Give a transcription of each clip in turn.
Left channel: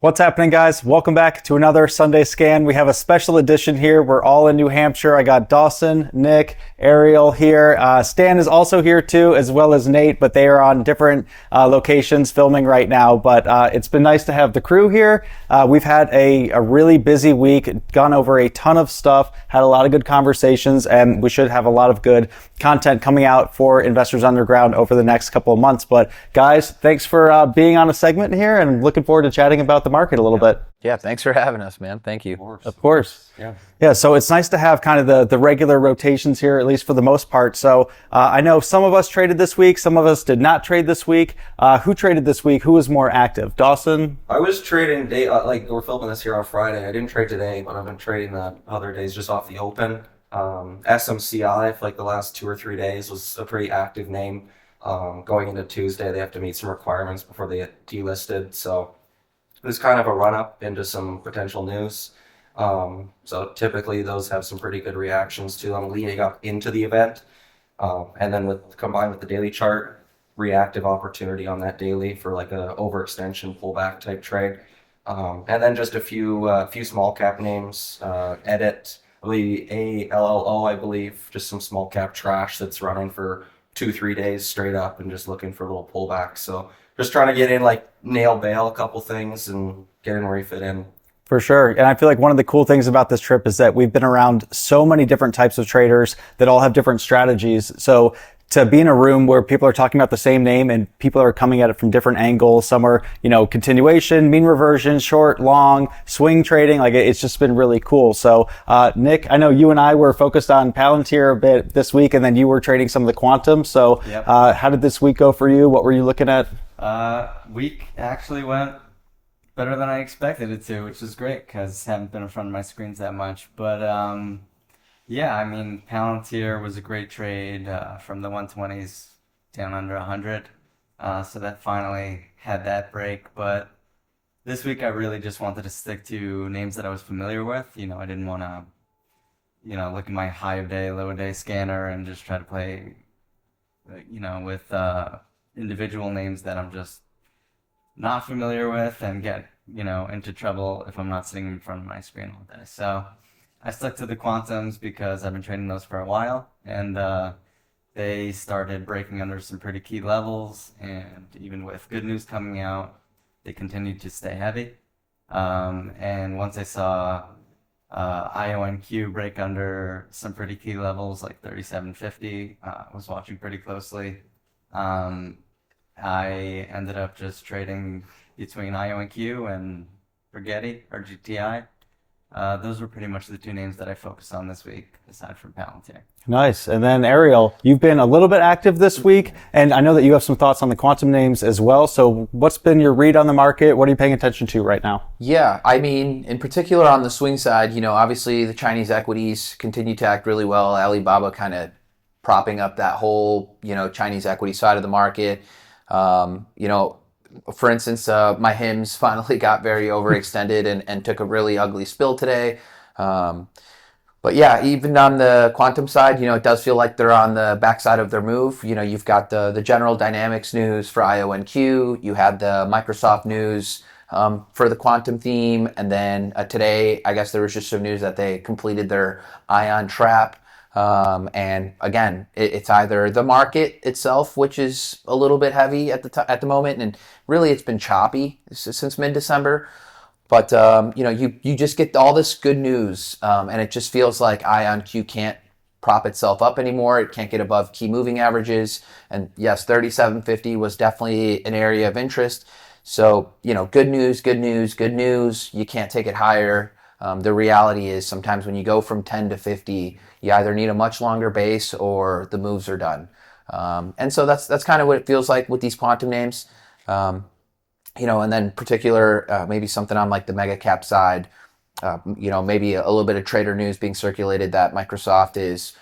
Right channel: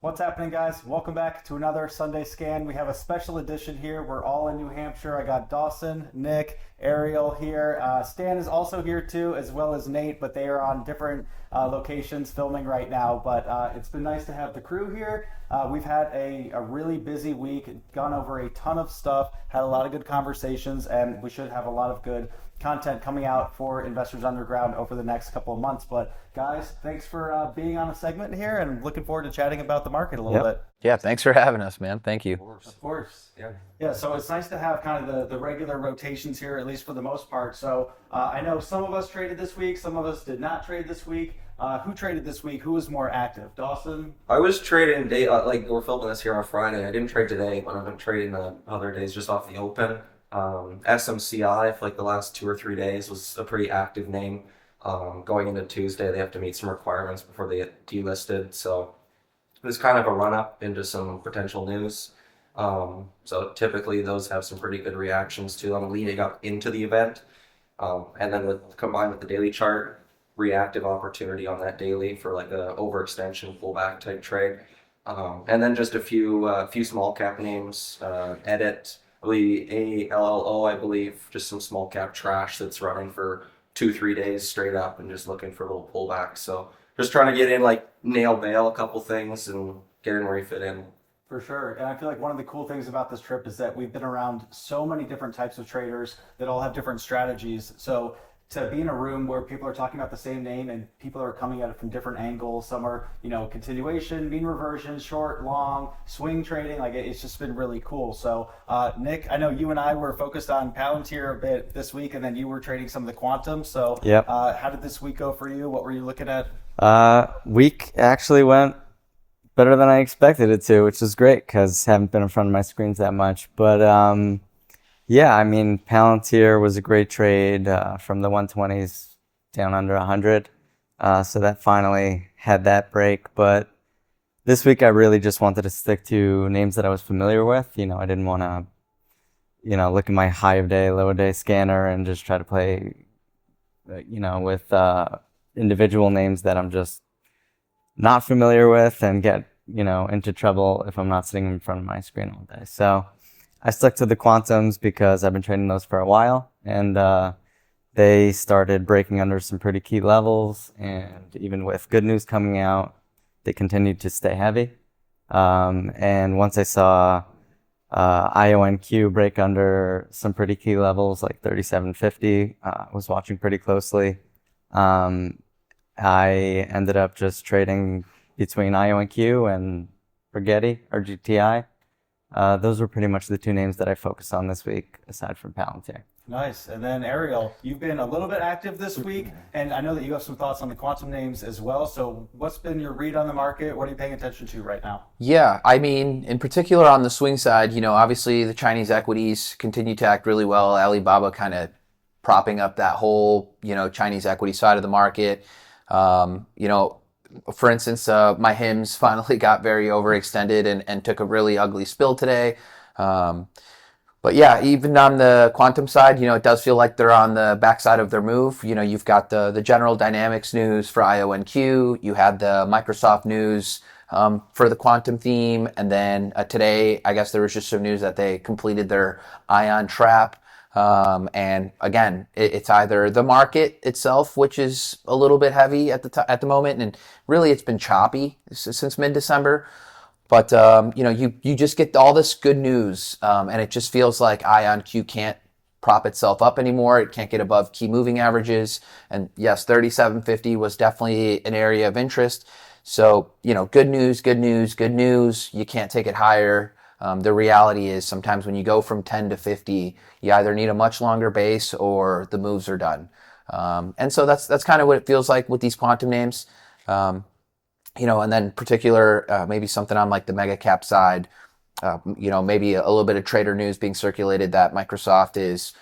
What's happening, guys? Welcome back to another Sunday Scan. We have a special edition here. We're all in New Hampshire. I got Dawson, Nick, Ariel here. Stan is also here too, as well as Nate, but they are on different locations filming right now. But it's been nice to have the crew here. We've had a really busy week, gone over a ton of stuff, had a lot of good conversations, and we should have a lot of good content coming out for Investors Underground over the next couple of months. But guys, thanks for being on a segment here, and looking forward to chatting about the market a little bit. Yeah, thanks for having us, man. Thank you. Of course. Yeah, so it's nice to have kind of the regular rotations here, at least for the most part. So I know some of us traded this week, some of us did not trade this week. Who traded this week? Who was more active? Dawson? I was trading like we're filming this here on Friday. I didn't trade today, but I've been trading the other days just off the open. SMCI for like the last 2 or 3 days was a pretty active name. Going into Tuesday, they have to meet some requirements before they get delisted. So there's kind of a run up into some potential news. So typically those have some pretty good reactions to them leading up into the event. And then combined with the daily chart, reactive opportunity on that daily for like a overextension pullback type trade. And then just a few small cap names, Edit, I believe ALLO, I believe, just some small cap trash that's running for 2-3 days straight up and just looking for a little pullback. So just trying to get in, like nail bail a couple things and get in where you fit in. For sure. And I feel like one of the cool things about this trip is that we've been around so many different types of traders that all have different strategies. So to be in a room where people are talking about the same name and people are coming at it from different angles, some are, continuation, mean reversion, short, long, swing trading, like it's just been really cool. So, Nick, I know you and I were focused on Palantir a bit this week, and then you were trading some of the quantum. So, Yep. How did this week go for you? What were you looking at? Week actually went better than I expected it to, which is great because I haven't been in front of my screens that much. But yeah, I mean, Palantir was a great trade from the 120s down under 100. So that finally had that break. But this week I really just wanted to stick to names that I was familiar with. I didn't want to, look at my high of day, low of day scanner and just try to play, with individual names that I'm just not familiar with and get, into trouble if I'm not sitting in front of my screen all day. So I stuck to the quantums because I've been trading those for a while, and they started breaking under some pretty key levels, and even with good news coming out, they continued to stay heavy. And once I saw IONQ break under some pretty key levels like 3750, I was watching pretty closely. I ended up just trading between IONQ and Rigetti or GTI. Those were pretty much the two names that I focused on this week, aside from Palantir. Nice. And then Ariel, you've been a little bit active this week, and I know that you have some thoughts on the quantum names as well. So what's been your read on the market? What are you paying attention to right now? Yeah, I mean, in particular on the swing side, obviously the Chinese equities continue to act really well. Alibaba kind of propping up that whole, Chinese equity side of the market. For instance, my HIMS finally got very overextended and took a really ugly spill today. But yeah, even on the quantum side, it does feel like they're on the backside of their move. You've got the General Dynamics news for IONQ. You had the Microsoft news for the quantum theme. And then today, I guess there was just some news that they completed their ion trap. And again, it's either the market itself, which is a little bit heavy at the moment, and really it's been choppy since mid-December. But you just get all this good news, and it just feels like IonQ can't prop itself up anymore. It can't get above key moving averages. And yes, 3750 was definitely an area of interest. So good news, good news, good news. You can't take it higher. The reality is sometimes when you go from 10 to 50, you either need a much longer base or the moves are done. And so that's kind of what it feels like with these quantum names. And then particular, maybe something on like the mega cap side, maybe a little bit of trader news being circulated that Microsoft is,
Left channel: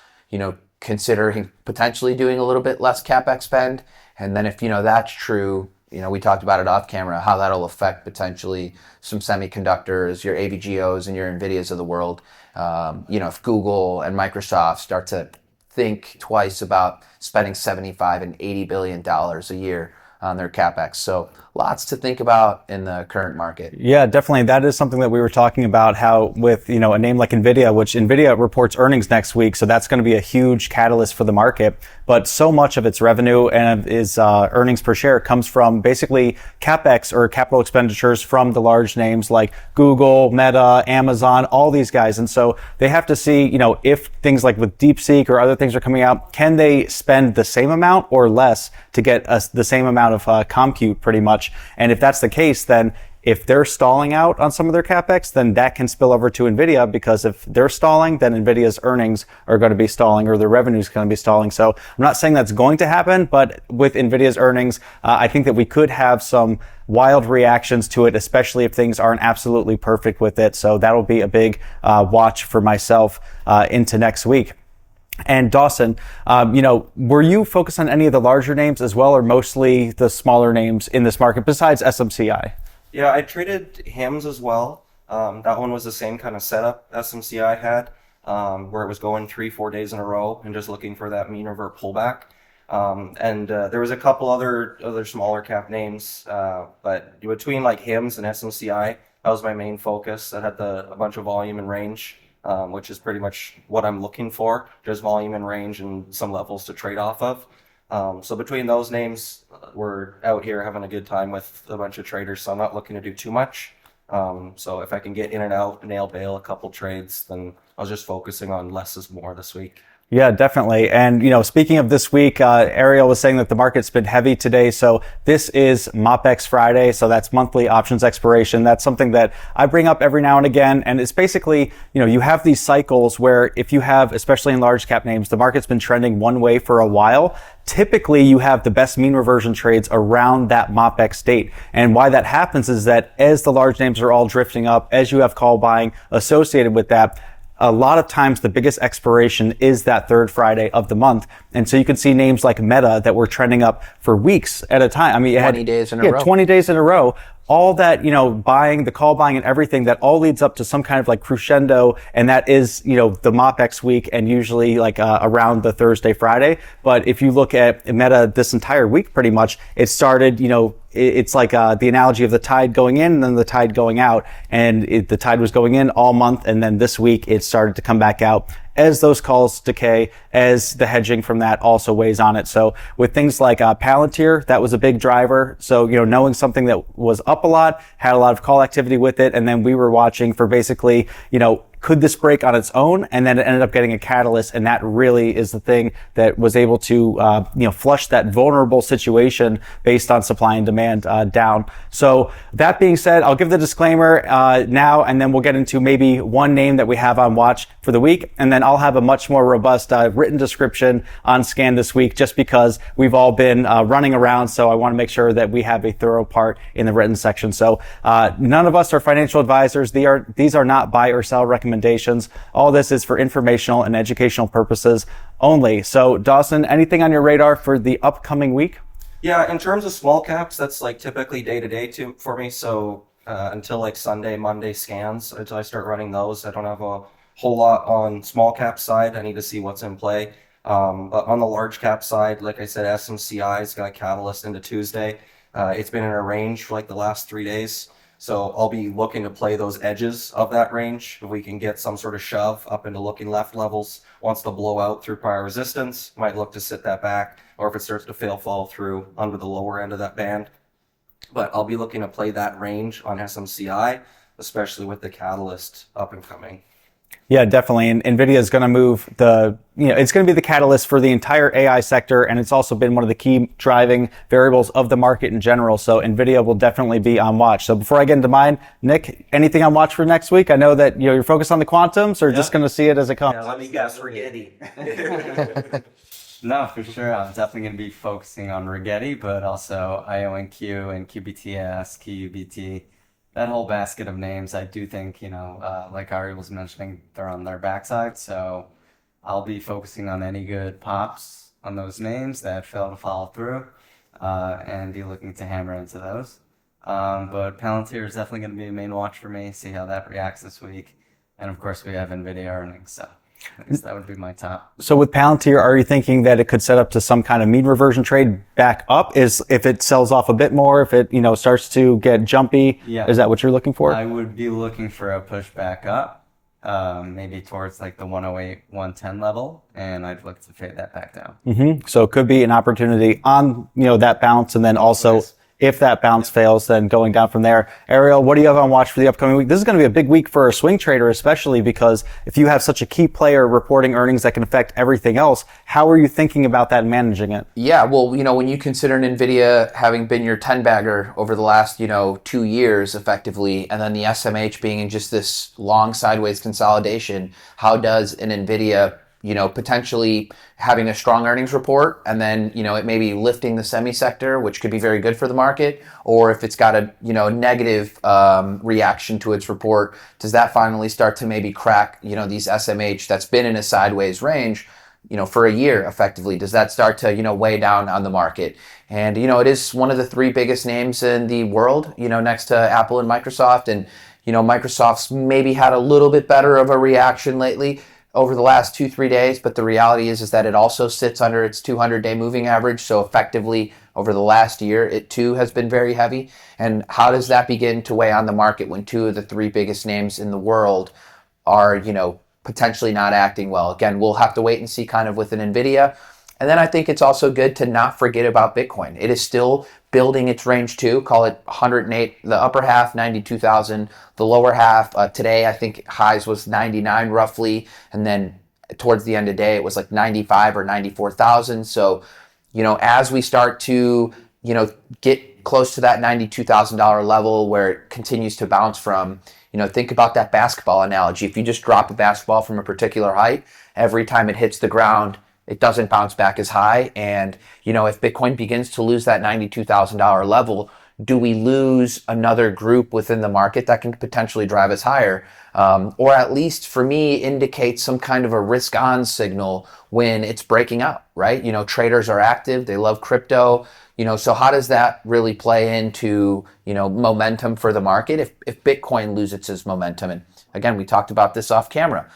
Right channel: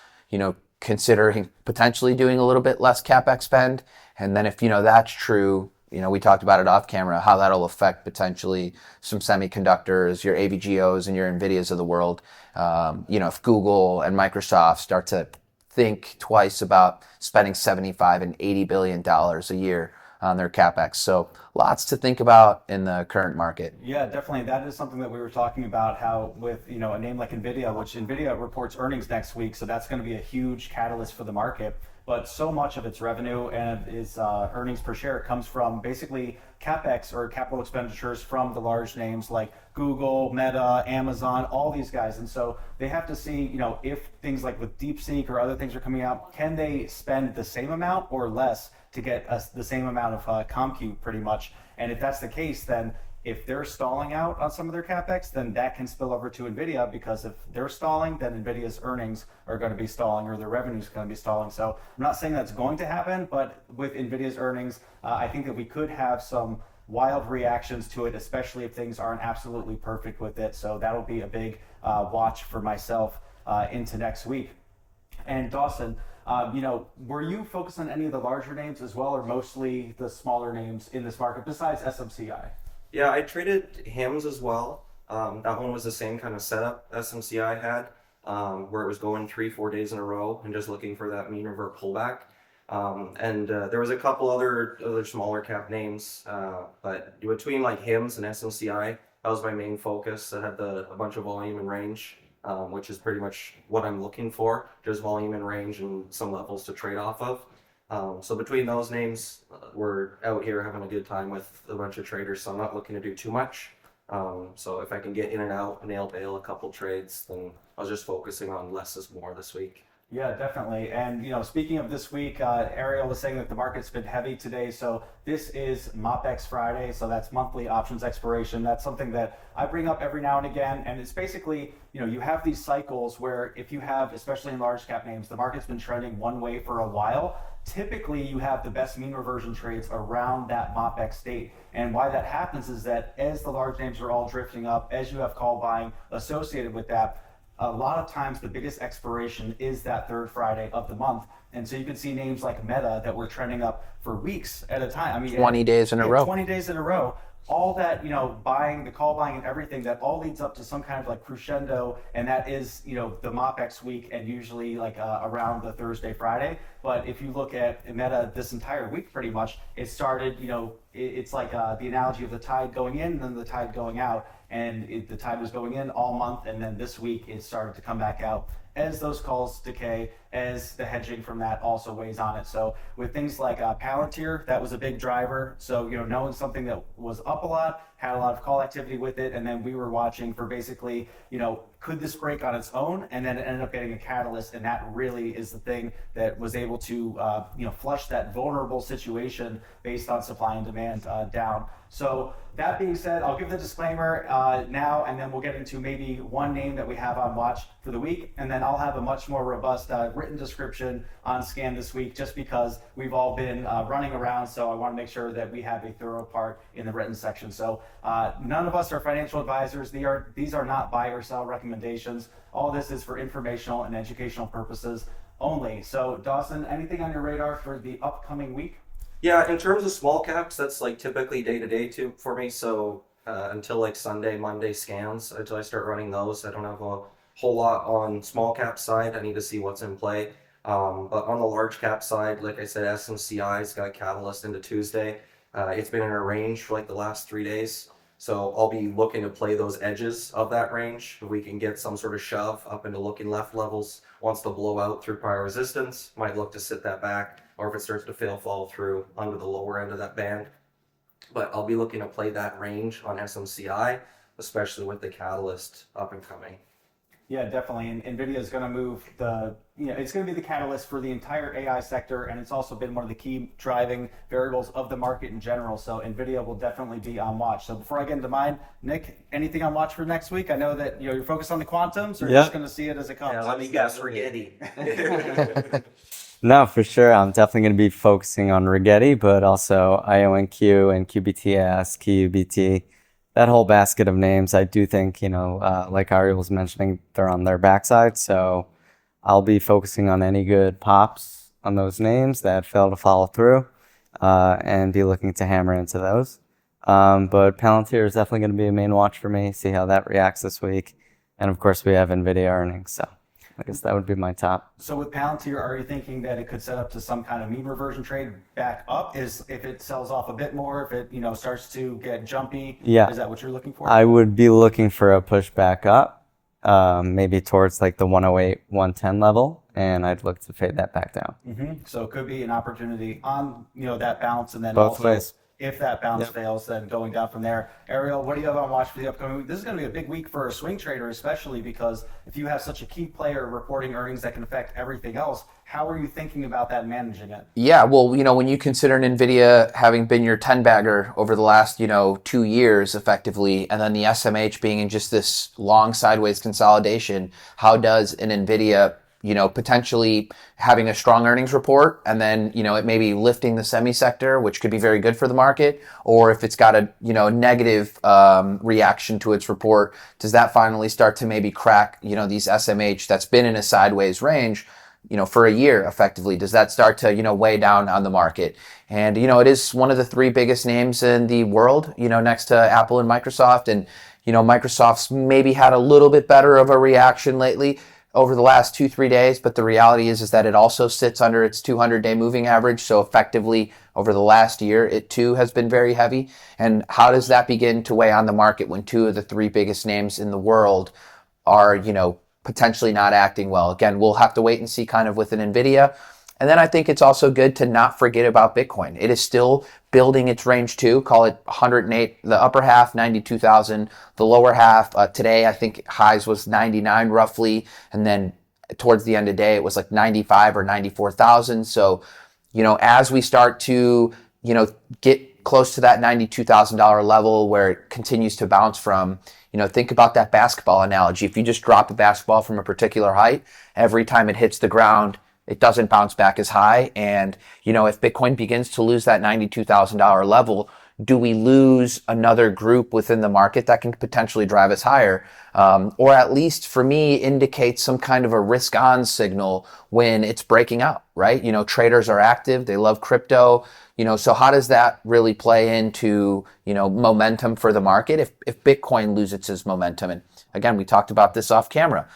considering potentially doing a little bit less CapEx spend. And then if, that's true, we talked about it off camera, how that'll affect potentially some semiconductors, your AVGOs and your NVIDIAs of the world. If Google and Microsoft start to think twice about spending $75 and $80 billion a year on their CapEx. So lots to think about in the current market. Yeah, definitely. That is something that we were talking about, how with, you know, a name like NVIDIA, which NVIDIA reports earnings next week. So that's going to be a huge catalyst for the market. But so much of its revenue and its earnings per share comes from basically CapEx, or capital expenditures, from the large names like Google, Meta, Amazon, all these guys. And so they have to see, you know, if things like with DeepSeek or other things are coming out, can they spend the same amount or less to get us the same amount of compute, pretty much. And if that's the case, then if they're stalling out on some of their CapEx, then that can spill over to NVIDIA, because if they're stalling, then NVIDIA's earnings are going to be stalling, or their revenue is going to be stalling. So I'm not saying that's going to happen, but with NVIDIA's earnings, I think that we could have some wild reactions to it, especially if things aren't absolutely perfect with it. So that'll be a big watch for myself into next week. And Dawson, you know, were you focused on any of the larger names as well, or mostly the smaller names in this market besides SMCI? Yeah, I traded HIMS as well. That one was the same kind of setup SMCI had, where it was going 3-4 days in a row and just looking for that mean revert pullback. There was a couple other smaller cap names, but between like HIMS and SMCI, that was my main focus. That had a bunch of volume and range, which is pretty much what I'm looking for, just volume and range and some levels to trade off of. So between those names, we're out here having a good time with a bunch of traders, so I'm not looking to do too much. So if I can get in and out, nail bail a couple trades, then I was just focusing on less is more this week. Yeah, definitely. And, you know, speaking of this week, Ariel was saying that the market's been heavy today. So this is MOPEX Friday. So that's monthly options expiration. That's something that I bring up every now and again. And it's basically, you know, you have these cycles where if you have, especially in large cap names, the market's been trending one way for a while. Typically, you have the best mean reversion trades around that MOPEX date. And why that happens is that as the large names are all drifting up, as you have call buying associated with that, a lot of times the biggest expiration is that third Friday of the month. And so you can see names like Meta that were trending up for weeks at a time. I mean, 20 days in a row. 20 days in a row. All that, you know, buying, the call buying and everything, that all leads up to some kind of like crescendo. And that is, you know, the MOPEX week, and usually like around the Thursday, Friday. But if you look at Meta this entire week, pretty much, it started, you know, it's like the analogy of the tide going in and then the tide going out. And the tide was going in all month. And then this week it started to come back out as those calls decay, as the hedging from that also weighs on it. So with things like Palantir, that was a big driver. So, you know, knowing something that was up a lot, had a lot of call activity with it. And then we were watching for basically, you know, could this break on its own? And then it ended up getting a catalyst. And that really is the thing that was able to, you know, flush that vulnerable situation based on supply and demand down. So that being said, I'll give the disclaimer now, and then we'll get into maybe one name that we have on watch for the week. And then I'll have a much more robust written description on Scan this week, just because we've all been running around. So I want to make sure that we have a thorough part in the written section. So none of us are financial advisors. These are not buy or sell recommendations. All this is for informational and educational purposes only. So Dawson, anything on your radar for the upcoming week? Yeah, in terms of small caps, that's like typically day to day for me. So until like Sunday, Monday scans, until I start running those, I don't have a whole lot on small cap side. I need to see what's in play. But on the large cap side, like I said, SMCI's got a catalyst into Tuesday. It's been in a range for like the last 3 days. So I'll be looking to play those edges of that range. If we can get some sort of shove up into looking left levels, wants to blow out through prior resistance, might look to sit that back. Or if it starts to fall through under the lower end of that band. But I'll be looking to play that range on SMCI, especially with the catalyst up and coming. Yeah, definitely. And NVIDIA is going to move it's going to be the catalyst for the entire AI sector. And it's also been one of the key driving variables of the market in general. So NVIDIA will definitely be on watch. So before I get into mine, Nick, anything on watch for next week? I know that, you know, you're focused on the quantums, or just going to see it as it comes? Yeah, let me guess, Rigetti. No, for sure. I'm definitely going to be focusing on Rigetti, but also IONQ and QBTS, QUBT. That whole basket of names, I do think, you know, like Ariel was mentioning, they're on their backside. So I'll be focusing on any good pops on those names that fail to follow through and be looking to hammer into those. But Palantir is definitely going to be a main watch for me, see how that reacts this week. And of course, we have NVIDIA earnings. So I guess that would be my top. So with Palantir, are you thinking that it could set up to some kind of mean reversion trade back up? Is if it sells off a bit more, if it starts to get jumpy? Yeah. Is that what you're looking for? I would be looking for a push back up, maybe towards like the 108, 110 level, and I'd look to fade that back down. So it could be an opportunity on that bounce, and then also ways. if that bounce fails, then going down from there. Ariel, what do you have on watch for the upcoming week? This is going to be a big week for a swing trader, especially because if you have such a key player reporting earnings that can affect everything else, how are you thinking about that and managing it? Yeah, well, when you consider NVIDIA having been your 10-bagger over the last, 2 years effectively, and then the SMH being in just this long sideways consolidation, how does an NVIDIA potentially having a strong earnings report and then, it may be lifting the semi sector, which could be very good for the market, or if it's got a, negative reaction to its report, does that finally start to maybe crack, these SMH that's been in a sideways range, for a year effectively? Does that start to, weigh down on the market? And, it is one of the 3 biggest names in the world, next to Apple and Microsoft. And, Microsoft's maybe had a little bit better of a reaction lately over the last 2-3 days, but the reality is that it also sits under its 200-day moving average. So effectively, over the last year, it too has been very heavy. And how does that begin to weigh on the market when 2 of the 3 biggest names in the world are, potentially not acting well? Again, we'll have to wait and see kind of with an NVIDIA. And then I think it's also good to not forget about Bitcoin. It is still building its range too. Call it 108, the upper half, 92,000, the lower half. Today, I think highs was 99 roughly. And then towards the end of the day, it was like 95 or 94,000. So, as we start to, get close to that $92,000 level where it continues to bounce from, think about that basketball analogy. If you just drop a basketball from a particular height, every time it hits the ground, it doesn't bounce back as high. And, if Bitcoin begins to lose that $92,000 level, do we lose another group within the market that can potentially drive us higher? Or at least for me, indicate some kind of a risk on signal when it's breaking out, right? Traders are active. They love crypto. So how does that really play into, momentum for the market if Bitcoin loses its momentum? And again, we talked about this off camera.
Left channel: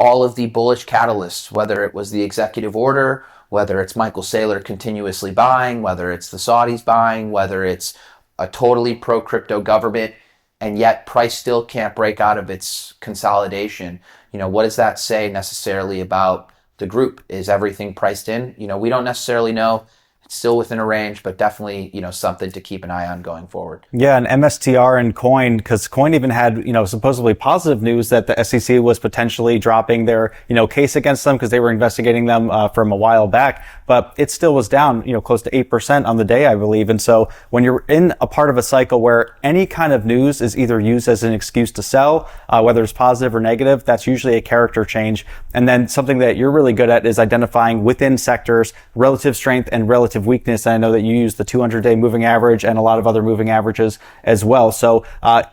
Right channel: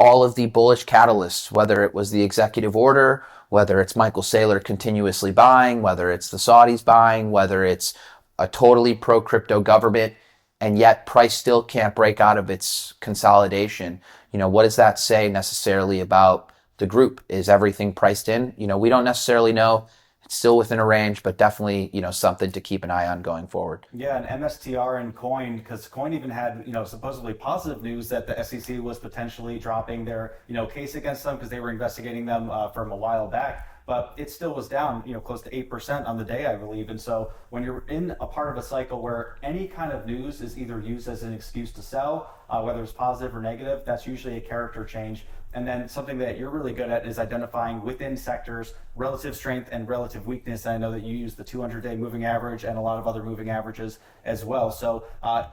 All of the bullish catalysts, whether it was the executive order, whether it's Michael Saylor continuously buying, whether it's the Saudis buying, whether it's a totally pro-crypto government, and yet price still can't break out of its consolidation. What does that say necessarily about the group? Is everything priced in? We don't necessarily know. It's still within a range, but definitely, something to keep an eye on going forward. Yeah, and MSTR and Coin, because Coin even had, supposedly positive news that the SEC was potentially dropping their, case against them because they were investigating them from a while back. But it still was down, close to 8% on the day, I believe. And so when you're in a part of a cycle where any kind of news is either used as an excuse to sell, whether it's positive or negative, that's usually a character change. And then something that you're really good at is identifying within sectors relative strength and relative weakness. And I know that you use the 200-day moving average and a lot of other moving averages as well. So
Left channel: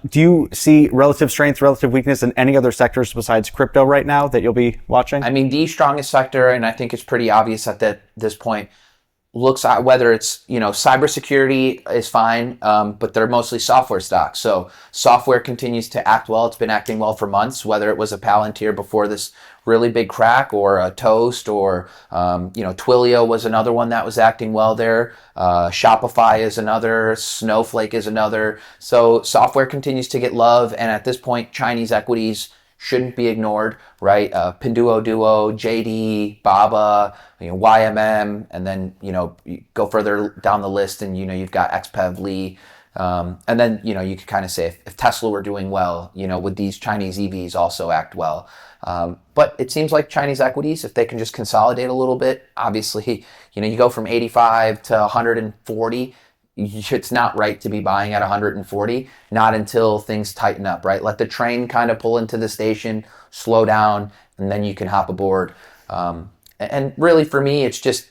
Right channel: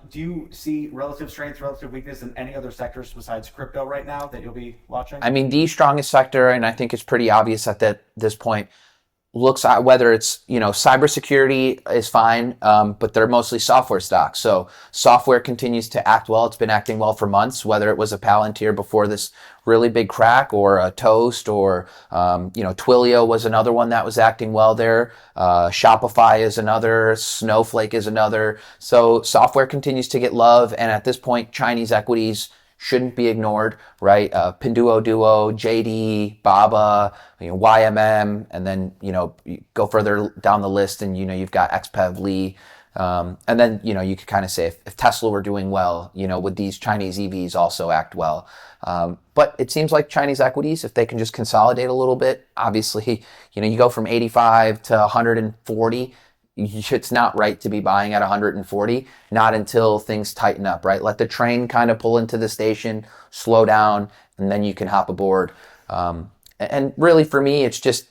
do you see relative strength, relative weakness in any other sectors besides crypto right now that you'll be watching? I mean, the strongest sector, and I think it's pretty obvious at this point, looks at whether it's, cybersecurity is fine, but they're mostly software stocks. So software continues to act well. It's been acting well for months, whether it was a Palantir before this really big crack or a Toast or, Twilio was another one that was acting well there. Shopify is another. Snowflake is another. So software continues to get love. And at this point, Chinese equities shouldn't be ignored, right? Pinduoduo, JD, Baba, YMM, and then, you go further down the list and, you've got XPEV, Lee. And then, you could kind of say if Tesla were doing well, would these Chinese EVs also act well? But it seems like Chinese equities, if they can just consolidate a little bit, obviously, you go from 85 to 140, it's not right to be buying at 140, not until things tighten up, right? Let the train kind of pull into the station, slow down, and then you can hop aboard. And really for me, it's just,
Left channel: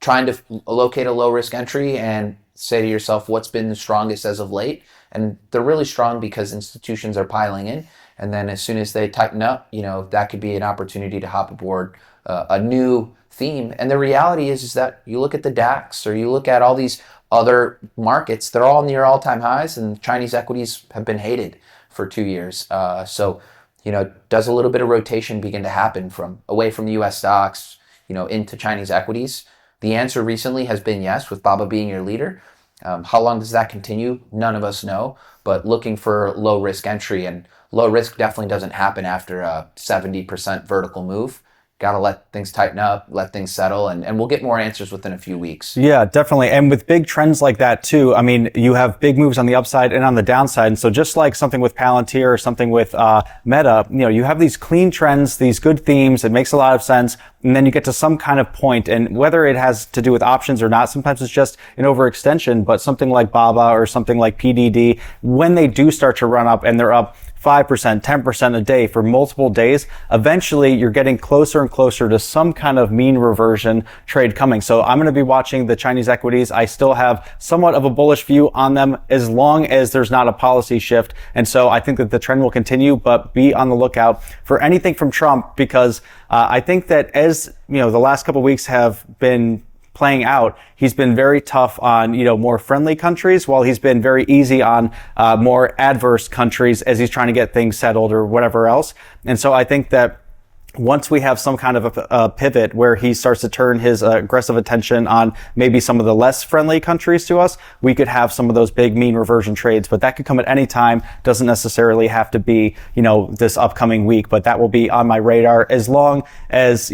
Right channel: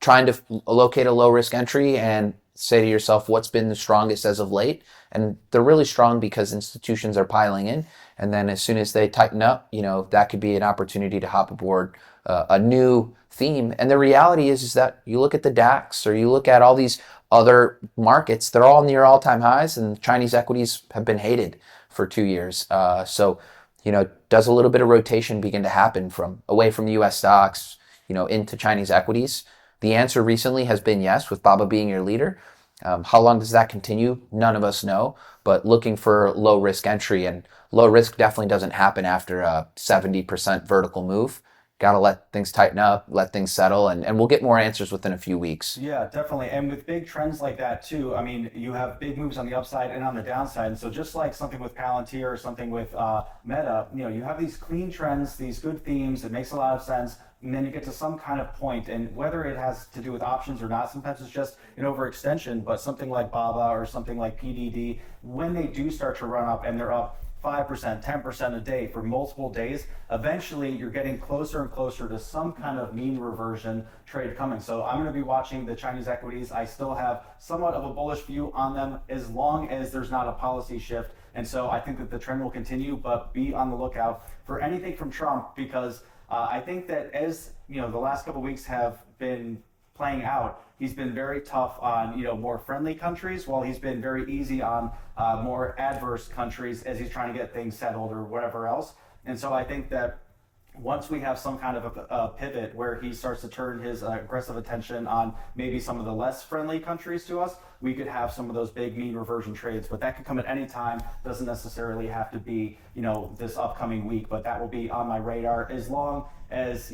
trying to locate a low risk entry and say to yourself, what's been the strongest as of late? And they're really strong because institutions are piling in. And then as soon as they tighten up, that could be an opportunity to hop aboard a new theme. And the reality is that you look at the DAX or you look at all these other markets, they're all near all-time highs, and Chinese equities have been hated for 2 years. So, does a little bit of rotation begin to happen from away from the U.S. stocks, into Chinese equities? The answer recently has been yes, with Baba being your leader. How long does that continue? None of us know, but looking for low risk entry, and low risk definitely doesn't happen after a 70% vertical move. Got to let things tighten up, let things settle, and we'll get more answers within a few weeks. Yeah, definitely. And with big trends like that too, I mean, you have big moves on the upside and on the downside. And so just like something with Palantir or something with Meta, you have these clean trends, these good themes. It makes a lot of sense. And then you get to some kind of point, and whether it has to do with options or not, sometimes it's just an overextension, but something like BABA or something like PDD, when they do start to run up and they're up 5%, 10% a day for multiple days, eventually you're getting closer and closer to some kind of mean reversion trade coming. So I'm going to be watching the Chinese equities. I still have somewhat of a bullish view on them as long as there's not a policy shift. And so I think that the trend will continue, but be on the lookout for anything from Trump, because I think that as, the last couple of weeks have been playing out, he's been very tough on, more friendly countries, while he's been very easy on more adverse countries as he's trying to get things settled or whatever else. And so I think that once we have some kind of a pivot where he starts to turn his aggressive attention on maybe some of the less friendly countries to us, we could have some of those big mean reversion trades. But that could come at any time. Doesn't necessarily have to be, this upcoming week, but that will be on my radar as long as,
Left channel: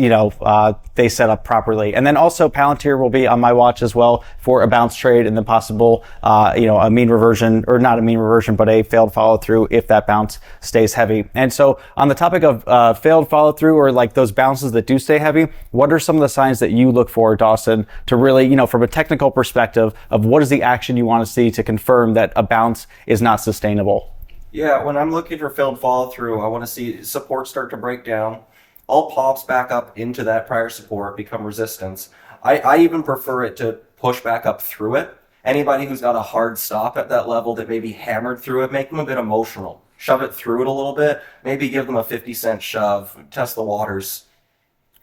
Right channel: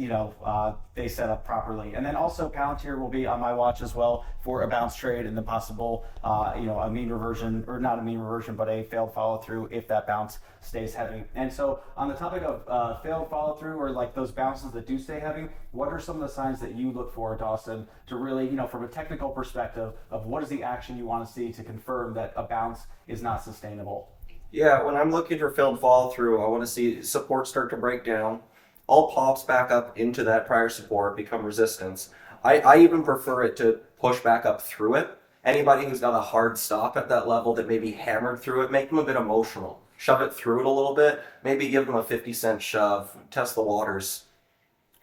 they set up properly. And then also Palantir will be on my watch as well for a bounce trade and the possible, a mean reversion, or not a mean reversion, but a failed follow through if that bounce stays heavy. And so on the topic of failed follow through, or like those bounces that do stay heavy, what are some of the signs that you look for, Dawson, to really, from a technical perspective of what is the action you want to see to confirm that a bounce is not sustainable? Yeah, when I'm looking for failed follow through, I want to see support start to break down. All pops back up into that prior support, become resistance. I even prefer it to push back up through it. Anybody who's got a hard stop at that level that maybe hammered through it, make them a bit emotional. Shove it through it a little bit, maybe give them a 50-cent shove, test the waters.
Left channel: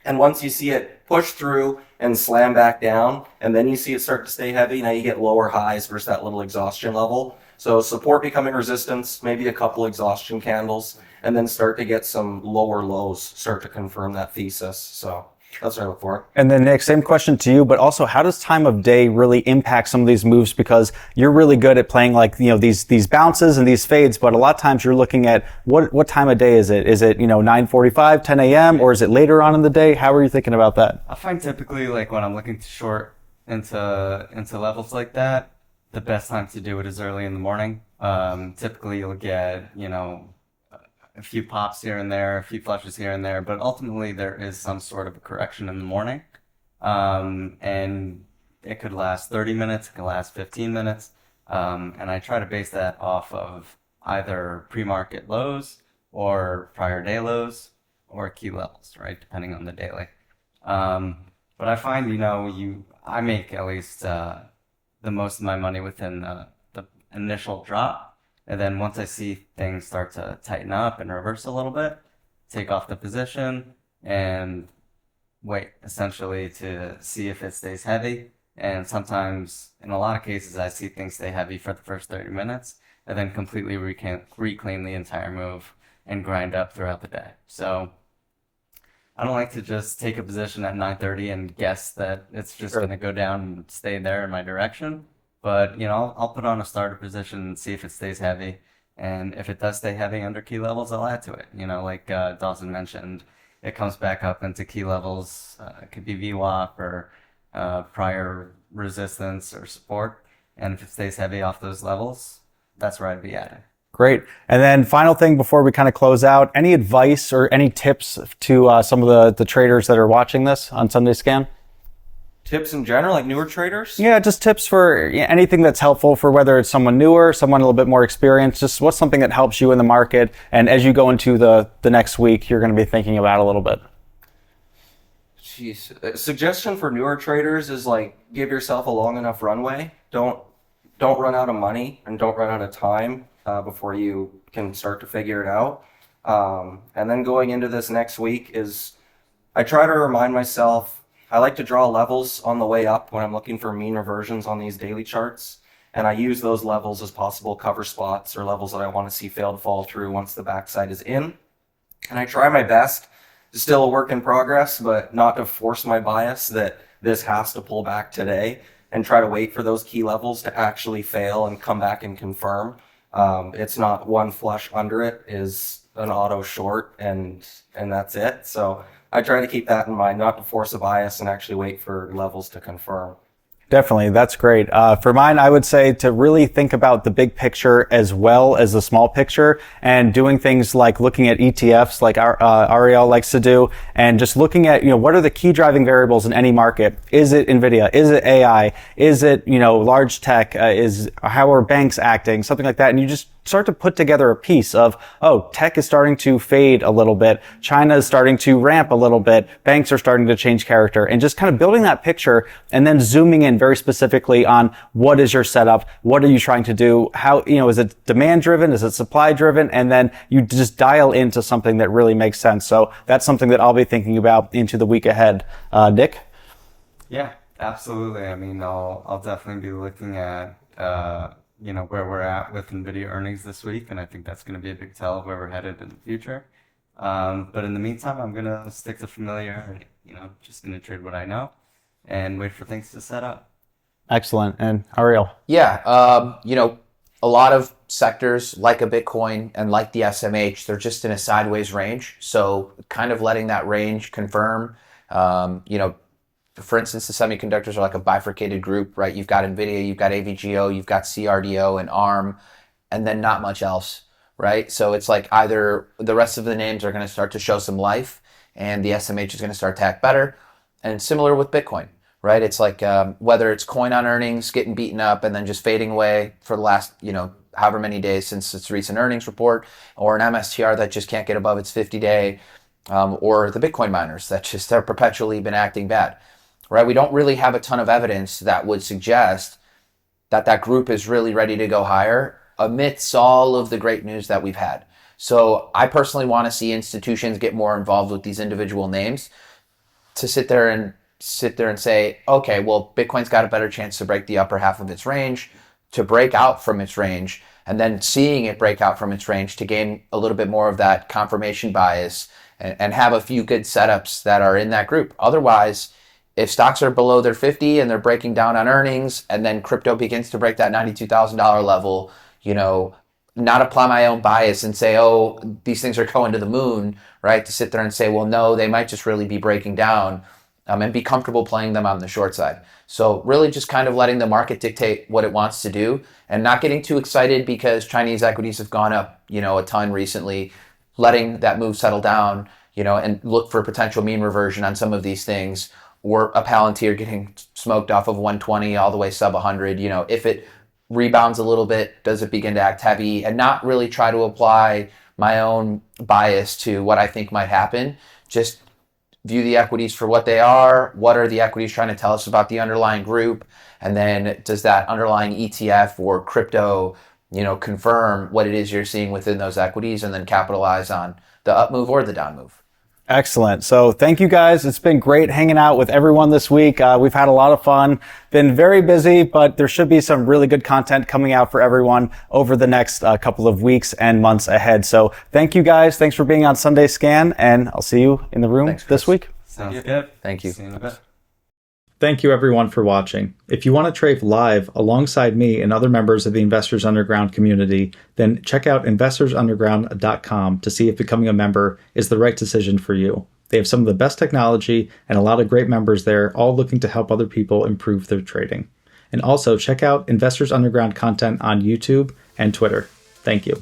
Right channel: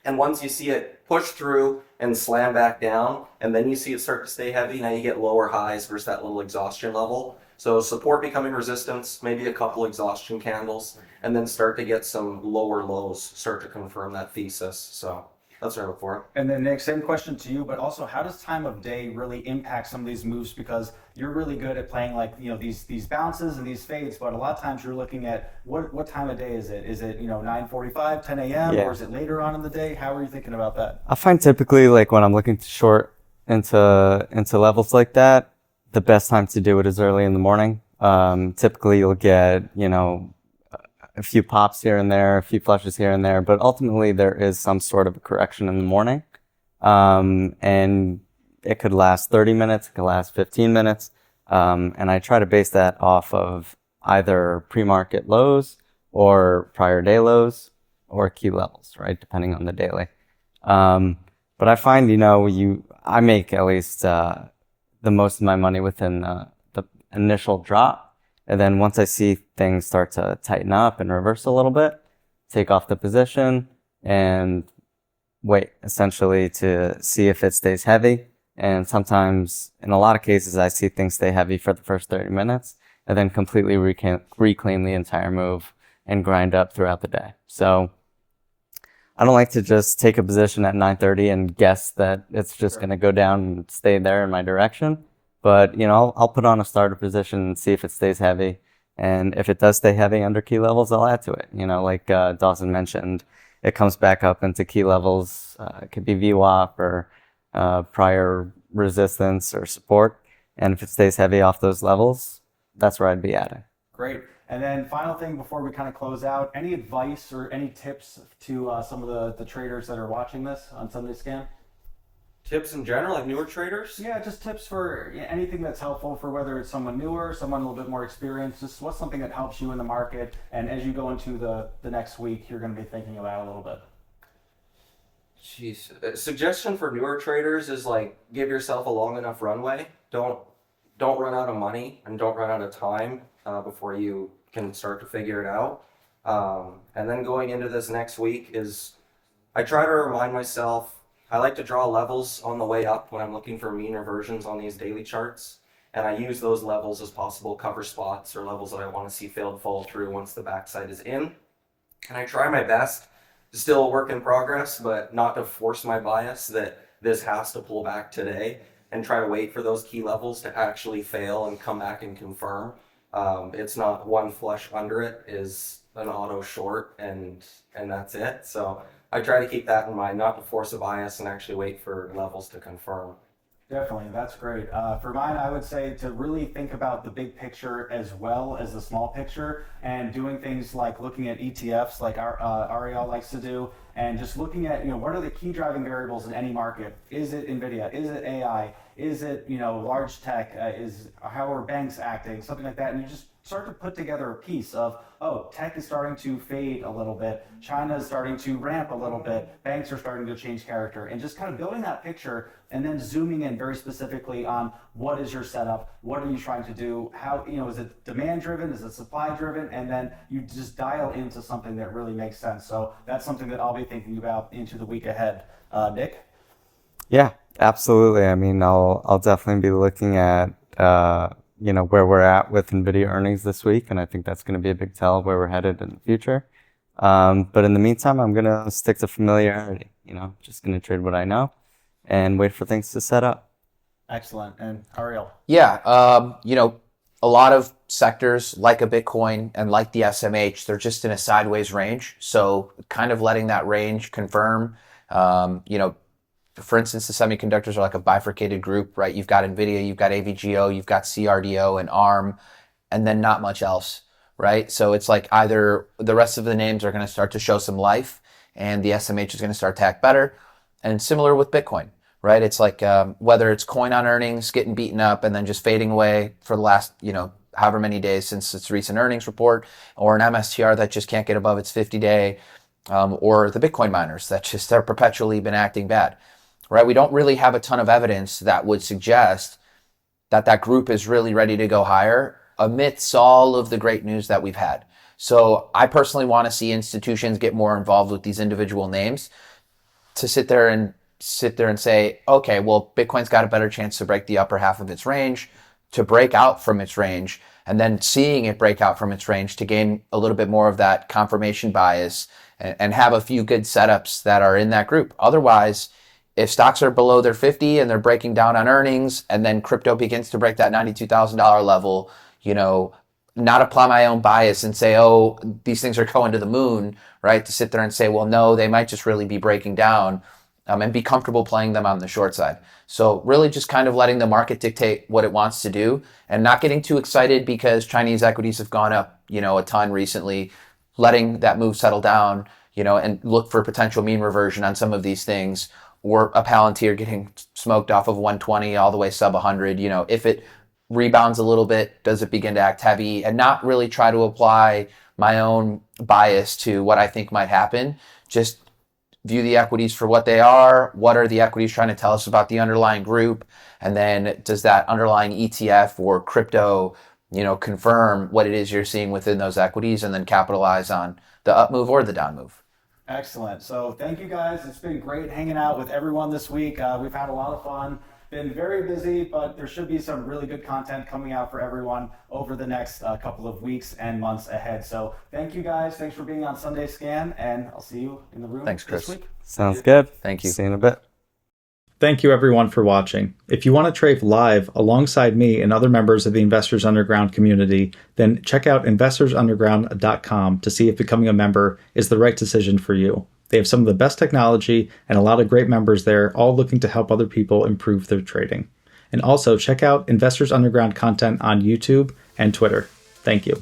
And once you see it push through and slam back down, and then you see it start to stay heavy, now you get lower highs versus that little exhaustion level. So support becoming resistance, maybe a couple exhaustion candles, and then start to get some lower lows, start to confirm that thesis. So that's what I look for. And then Nick, same question to you, but also how does time of day really impact some of these moves? Because you're really good at playing like, these bounces and these fades, but a lot of times you're looking at what time of day is it? Is it, 9:45, 10 a.m. Yeah. Or is it later on in the day? How are you thinking about that? I find typically like when I'm looking to short into levels like that, the best time to do it is early in the morning. Typically you'll get, a few pops here and there, a few flushes here and there, but ultimately there is some sort of a correction in the morning. And it could last 30 minutes, it could last 15 minutes. And I try to base that off of either pre-market lows or prior day lows or key levels, right? Depending on the daily. But I find, I make at least, the most of my money within the initial drop. And then once I see things start to tighten up and reverse a little bit, take off the position and wait essentially to see if it stays heavy. And sometimes, in a lot of cases, I see things stay heavy for the first 30 minutes and then completely reclaim the entire move and grind up throughout the day. So I don't like to just take a position at 9:30 and guess that it's just going to go down and stay there in my direction. But, I'll put on a starter position and see if it stays heavy. And if it does stay heavy under key levels, I'll add to it. Like Dawson mentioned, it comes back up into key levels. It could be VWAP or prior resistance or support. And if it stays heavy off those levels, that's where I'd be adding. Great. And then final thing before we kind of close out, any advice or any tips to some of the traders that are watching this on Sunday Scan? Tips in general, like newer traders? Yeah, just tips for anything that's helpful for whether it's someone newer, someone a little bit more experienced, just what's something that helps you in the market. And as you go into the next week, you're going to be thinking about a little bit. Jeez. A suggestion for newer traders is like give yourself a long enough runway. Don't run out of money and don't run out of time before you can start to figure it out. And then going into this next week is I try to remind myself, I like to draw levels on the way up when I'm looking for mean reversions on these daily charts. And I use those levels as possible cover spots or levels that I want to see failed fall through once the backside is in. And I try my best, still a work in progress, but not to force my bias that this has to pull back today, and try to wait for those key levels to actually fail and come back and confirm. It's not one flush under it is an auto short, and that's it. So I try to keep that in mind, not to force a bias and actually wait for levels to confirm. Definitely. That's great. For mine, I would say to really think about the big picture as well as the small picture, and doing things like looking at ETFs like Ariel likes to do, and just looking at, what are the key driving variables in any market? Is it NVIDIA? Is it AI? Is it, large tech? How are banks acting? Something like that. And you just start to put together a piece of, tech is starting to fade a little bit. China is starting to ramp a little bit. Banks are starting to change character, and just kind of building that picture and then zooming in very specifically on what is your setup? What are you trying to do? How, is it demand driven? Is it supply driven? And then you just dial into something that really makes sense. So that's something that I'll be thinking about into the week ahead. Nick? Yeah, absolutely. I mean, I'll definitely be looking at, where we're at with NVIDIA earnings this week, and I think that's going to be a big tell of where we're headed in the future. But in the meantime, I'm going to stick to familiarity. Just going to trade what I know and wait for things to set up. Excellent. And Ariel? Yeah, a lot of sectors like a Bitcoin and like the SMH, they're just in a sideways range. So kind of letting that range confirm, for instance, the semiconductors are like a bifurcated group, right? You've got NVIDIA, you've got AVGO, you've got CRDO and ARM, and then not much else, right? So it's like either the rest of the names are going to start to show some life and the SMH is going to start to act better. And similar with Bitcoin, right? It's like whether it's coin on earnings getting beaten up and then just fading away for the last, however many days since its recent earnings report, or an MSTR that just can't get above its 50-day, or the Bitcoin miners that just are perpetually been acting bad. Right? We don't really have a ton of evidence that would suggest that group is really ready to go higher amidst all of the great news that we've had. So I personally want to see institutions get more involved with these individual names to sit there and say, okay, well, Bitcoin's got a better chance to break the upper half of its range, to break out from its range, and then seeing it break out from its range to gain a little bit more of that confirmation bias and have a few good setups that are in that group. Otherwise, if stocks are below their 50 and they're breaking down on earnings, and then crypto begins to break that $92,000 level, not apply my own bias and say, oh, these things are going to the moon, right? To sit there and say, well, no, they might just really be breaking down, and be comfortable playing them on the short side. So really just kind of letting the market dictate what it wants to do, and not getting too excited because Chinese equities have gone up, a ton recently, letting that move settle down, and look for potential mean reversion on some of these things, or a Palantir getting smoked off of 120 all the way sub 100. If it rebounds a little bit, does it begin to act heavy? And not really try to apply my own bias to what I think might happen. Just view the equities for what they are. What are the equities trying to tell us about the underlying group? And then does that underlying ETF or crypto, confirm what it is you're seeing within those equities, and then capitalize on the up move or the down move? Excellent. So thank you guys. It's been great hanging out with everyone this week. We've had a lot of fun, been very busy, but there should be some really good content coming out for everyone over the next couple of weeks and months ahead. So thank you guys. Thanks for being on Sunday Scan, and I'll see you in the room this week. Sounds good. Thank you. See you in a bit. Thank you everyone for watching. If you want to trade live alongside me and other members of the Investors Underground community, then check out investorsunderground.com to see if becoming a member is the right decision for you. They have some of the best technology and a lot of great members there, all looking to help other people improve their trading. And also check out Investors Underground content on YouTube and Twitter. Thank you.